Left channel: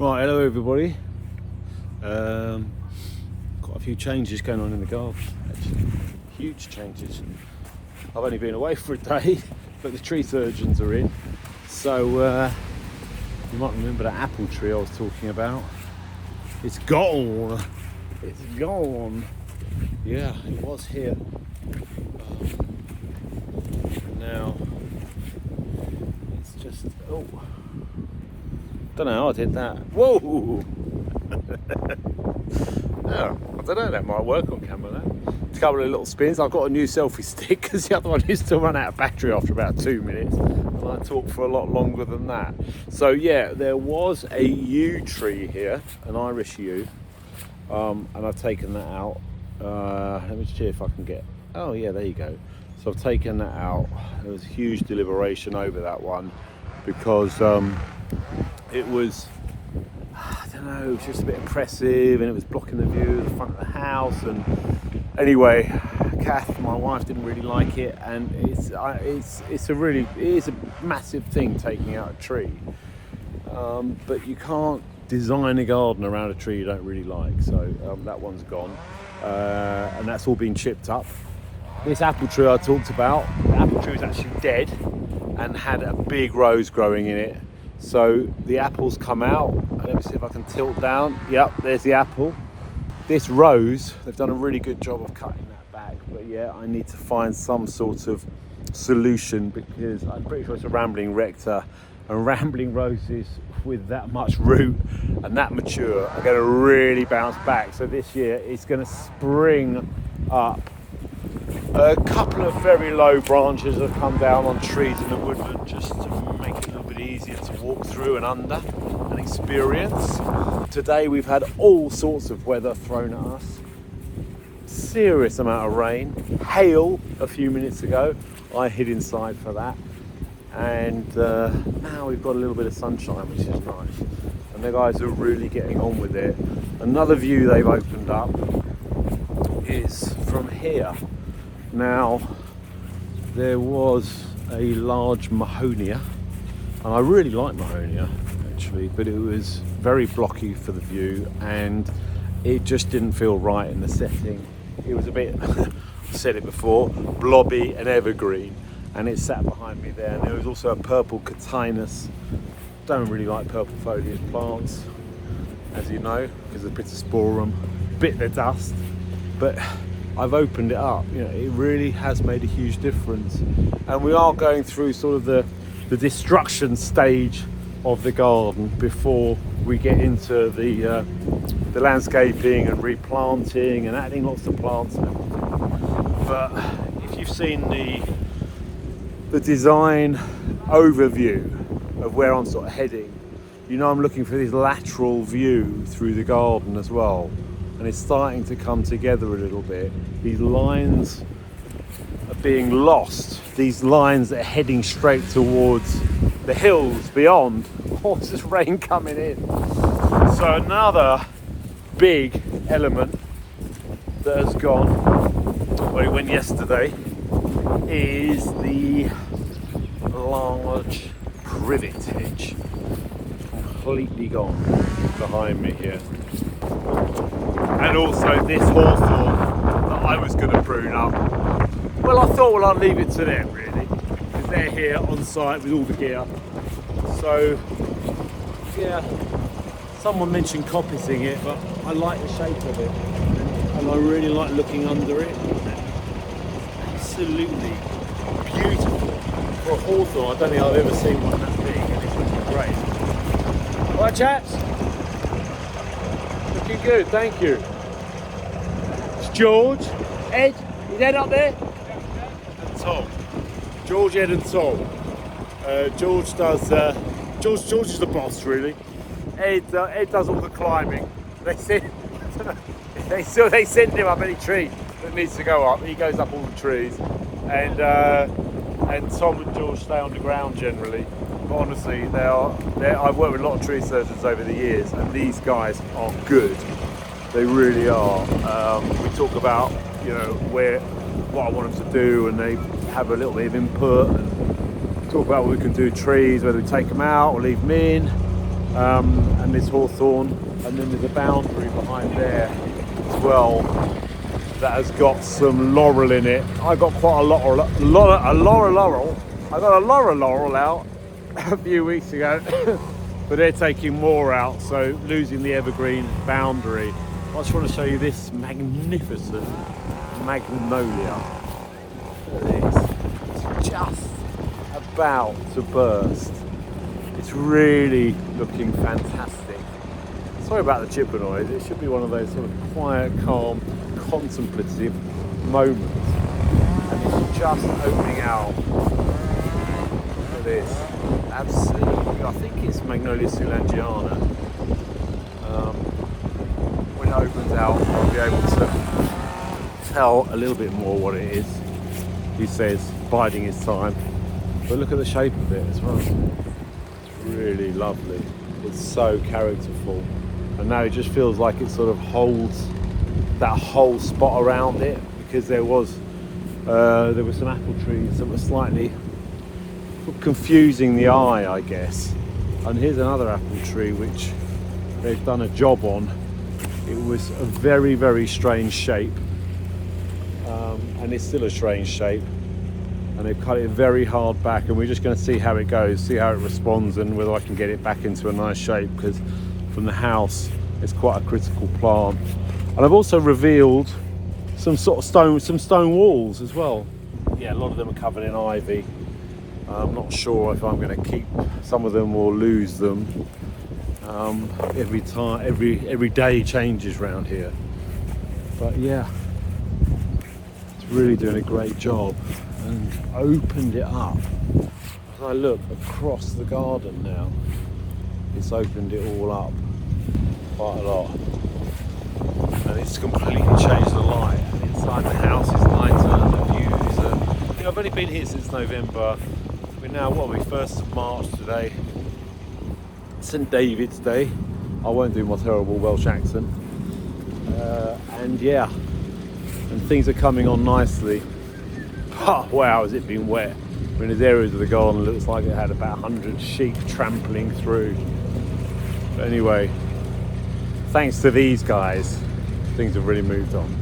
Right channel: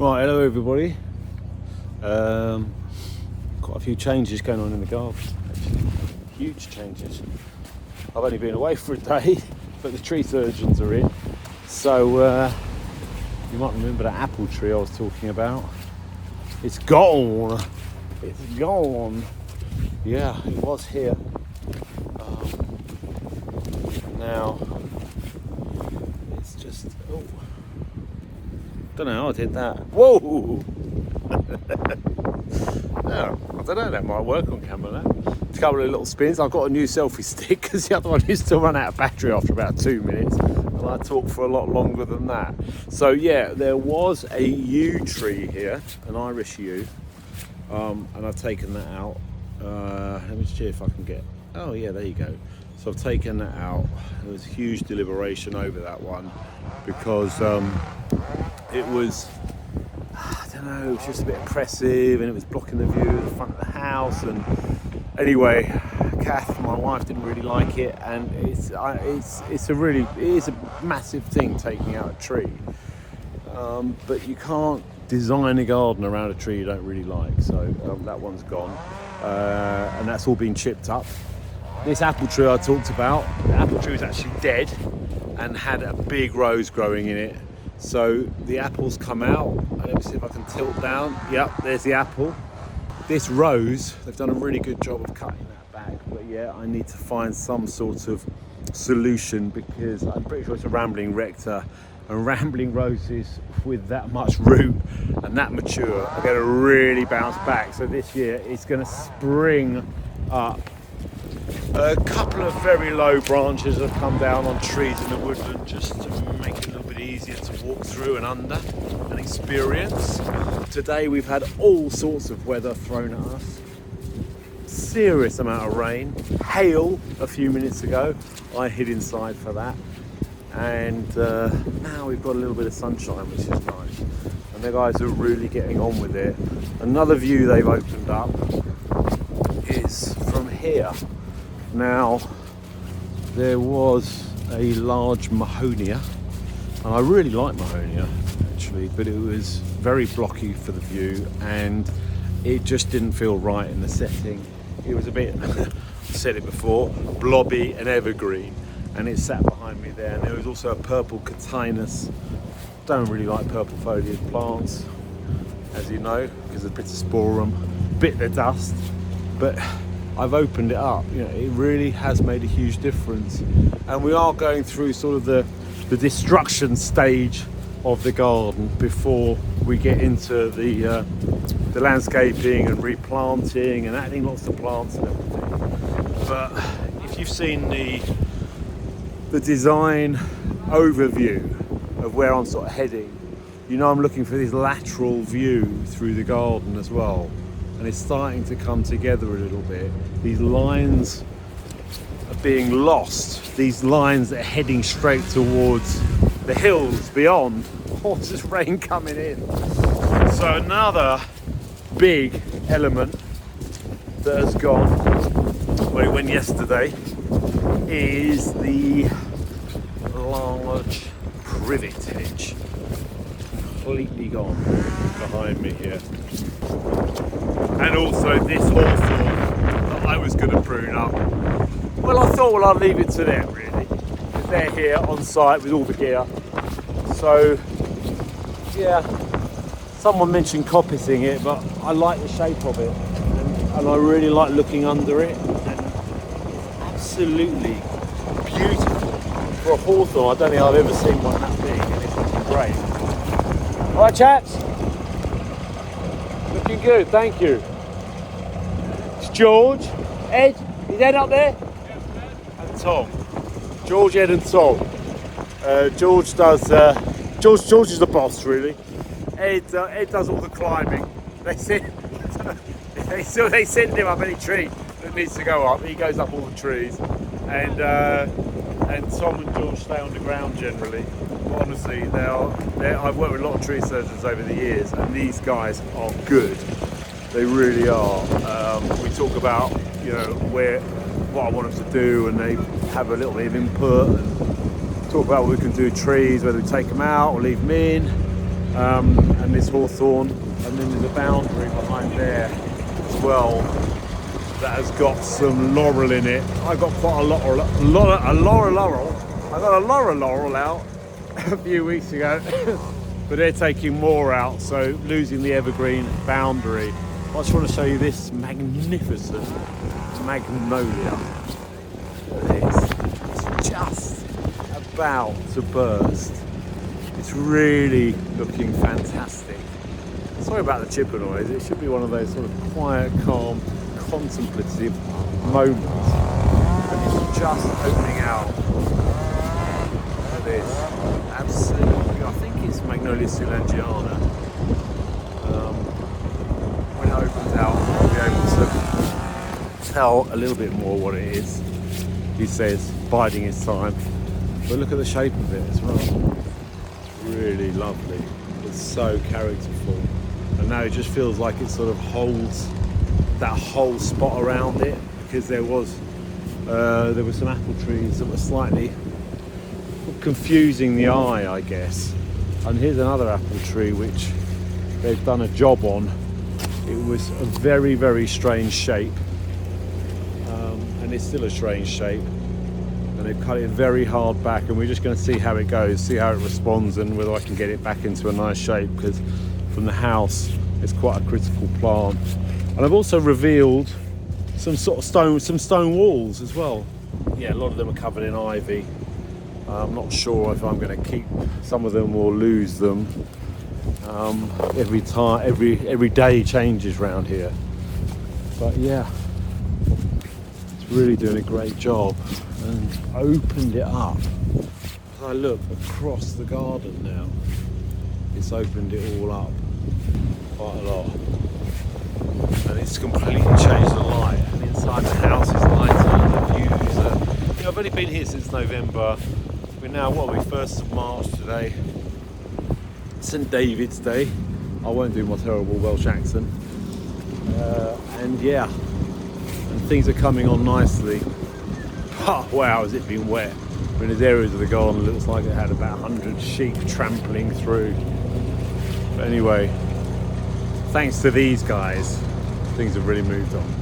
Right, hello everybody. Quite a few changes going on in the garden, actually. Huge changes. I've only been away for a day, but the tree surgeons are in. So you might remember that apple tree I was talking about. It's gone. It's gone. Yeah, it was here. Now it's just don't know how I did that. Whoa! Yeah, I don't know, that might work on camera now. A couple of little spins. I've got a new selfie stick because the other one used to run out of battery after about 2 minutes, and I talk for a lot longer than that. So yeah, there was a yew tree here, an Irish yew, and I've taken that out. Let me see if I can get, oh yeah, there you go. So I've taken that out. There was huge deliberation over that one because it was, I don't know, it was just a bit oppressive and it was blocking the view of the front of the house. And anyway, Kath, my wife, didn't really like it, and it is a massive thing taking out a tree. But you can't design a garden around a tree you don't really like. So that one's gone, and that's all been chipped up. This apple tree I talked about, the apple tree was actually dead and had a big rose growing in it. So the apples come out. Let me see if I can tilt down. Yep, there's the apple. This rose, they've done a really good job of cutting that back. But yeah, I need to find some sort of solution because I'm pretty sure it's a rambling rector. And rambling roses with that much root and that mature are going to really bounce back. So this year it's going to spring up. A couple of very low branches have come down on trees in the woodland just to make it a little bit easier to walk through and under and experience. Today we've had all sorts of weather thrown at us. Serious amount of rain, hail a few minutes ago. I hid inside for that. And now we've got a little bit of sunshine, which is nice. And the guys are really getting on with it. Another view they've opened up is from here. Now, there was a large Mahonia, and I really like Mahonia actually, but it was very blocky for the view and it just didn't feel right in the setting. It was a bit, I've said it before, blobby and evergreen, and it sat behind me there. And there was also a purple Catinus. Don't really like purple foliage plants, as you know, because of Pittosporum, bit the dust, but I've opened it up. You know, it really has made a huge difference, and we are going through sort of the destruction stage of the garden before we get into the landscaping and replanting and adding lots of plants and everything. But if you've seen the design overview of where I'm sort of heading, you know I'm looking for this lateral view through the garden as well. And it's starting to come together a little bit. These lines are being lost. These lines that are heading straight towards the hills beyond. Oh, just rain coming in. So another big element that has gone, well, it went yesterday, is the large privet hedge. Completely gone behind me here. And also this hawthorn that I was going to prune up. Well, I thought, well, I'll leave it to them really, because they're here on site with all the gear. So yeah, someone mentioned coppicing it, but I like the shape of it, and I really like looking under it. Absolutely beautiful for a hawthorn. I don't think I've ever seen one that big, and it's looking great. All right, chaps. Looking good, thank you. It's George, Ed, is Ed up there? And Tom. George, Ed and Tom. George does, George is the boss really. Ed does all the climbing. They send him up any tree that needs to go up. He goes up all the trees. And Tom and George stay on the ground generally. But honestly, I've worked with a lot of tree surgeons over the years, and these guys are good. They really are. We talk about, you know, what I want them to do, and they have a little bit of input and talk about what we can do with trees, whether we take them out or leave them in. and there's hawthorn, and then there's a boundary behind there as well that has got some laurel in it. I got quite a laurel I got a laurel out a few weeks ago, but they're taking more out, so losing the evergreen boundary. I just want to show you this magnificent magnolia. Look at this, it's just about to burst. It's really looking fantastic. Sorry about the chipper noise. It should be one of those sort of quiet, calm, contemplative moments, and it's just opening out. Look at this, absolutely. I think it's Magnolia Soulangeana. When it opens out, I'll be able to tell a little bit more what it is. He says biding his time, but look at the shape of it as well. It's really lovely. It's so characterful, and now it just feels like it sort of holds that whole spot around it, because there were some apple trees that were slightly confusing the eye, I guess. And here's another apple tree which they've done a job on. It was a very, very strange shape, and it's still a strange shape, and they've cut it very hard back, and we're just going to see how it goes, see how it responds, and whether I can get it back into a nice shape, because from the house it's quite a critical plant. And I've also revealed some sort of stone walls as well. Yeah, a lot of them are covered in ivy. I'm not sure if I'm going to keep some of them or lose them. Every day changes around here. But yeah, it's really doing a great job, and opened it up. As I look across the garden now, it's opened it all up quite a lot. And it's completely changed the light, and inside the house is lighter, and the views are, you know, I've only been here since November. We're now, what are we, 1st of March today, St. David's Day. I won't do my terrible Welsh accent. And yeah, and things are coming on nicely. Oh wow, has it been wet. I mean, there's areas of the garden that looks like it had about 100 sheep trampling through. But anyway, thanks to these guys, things have really moved on.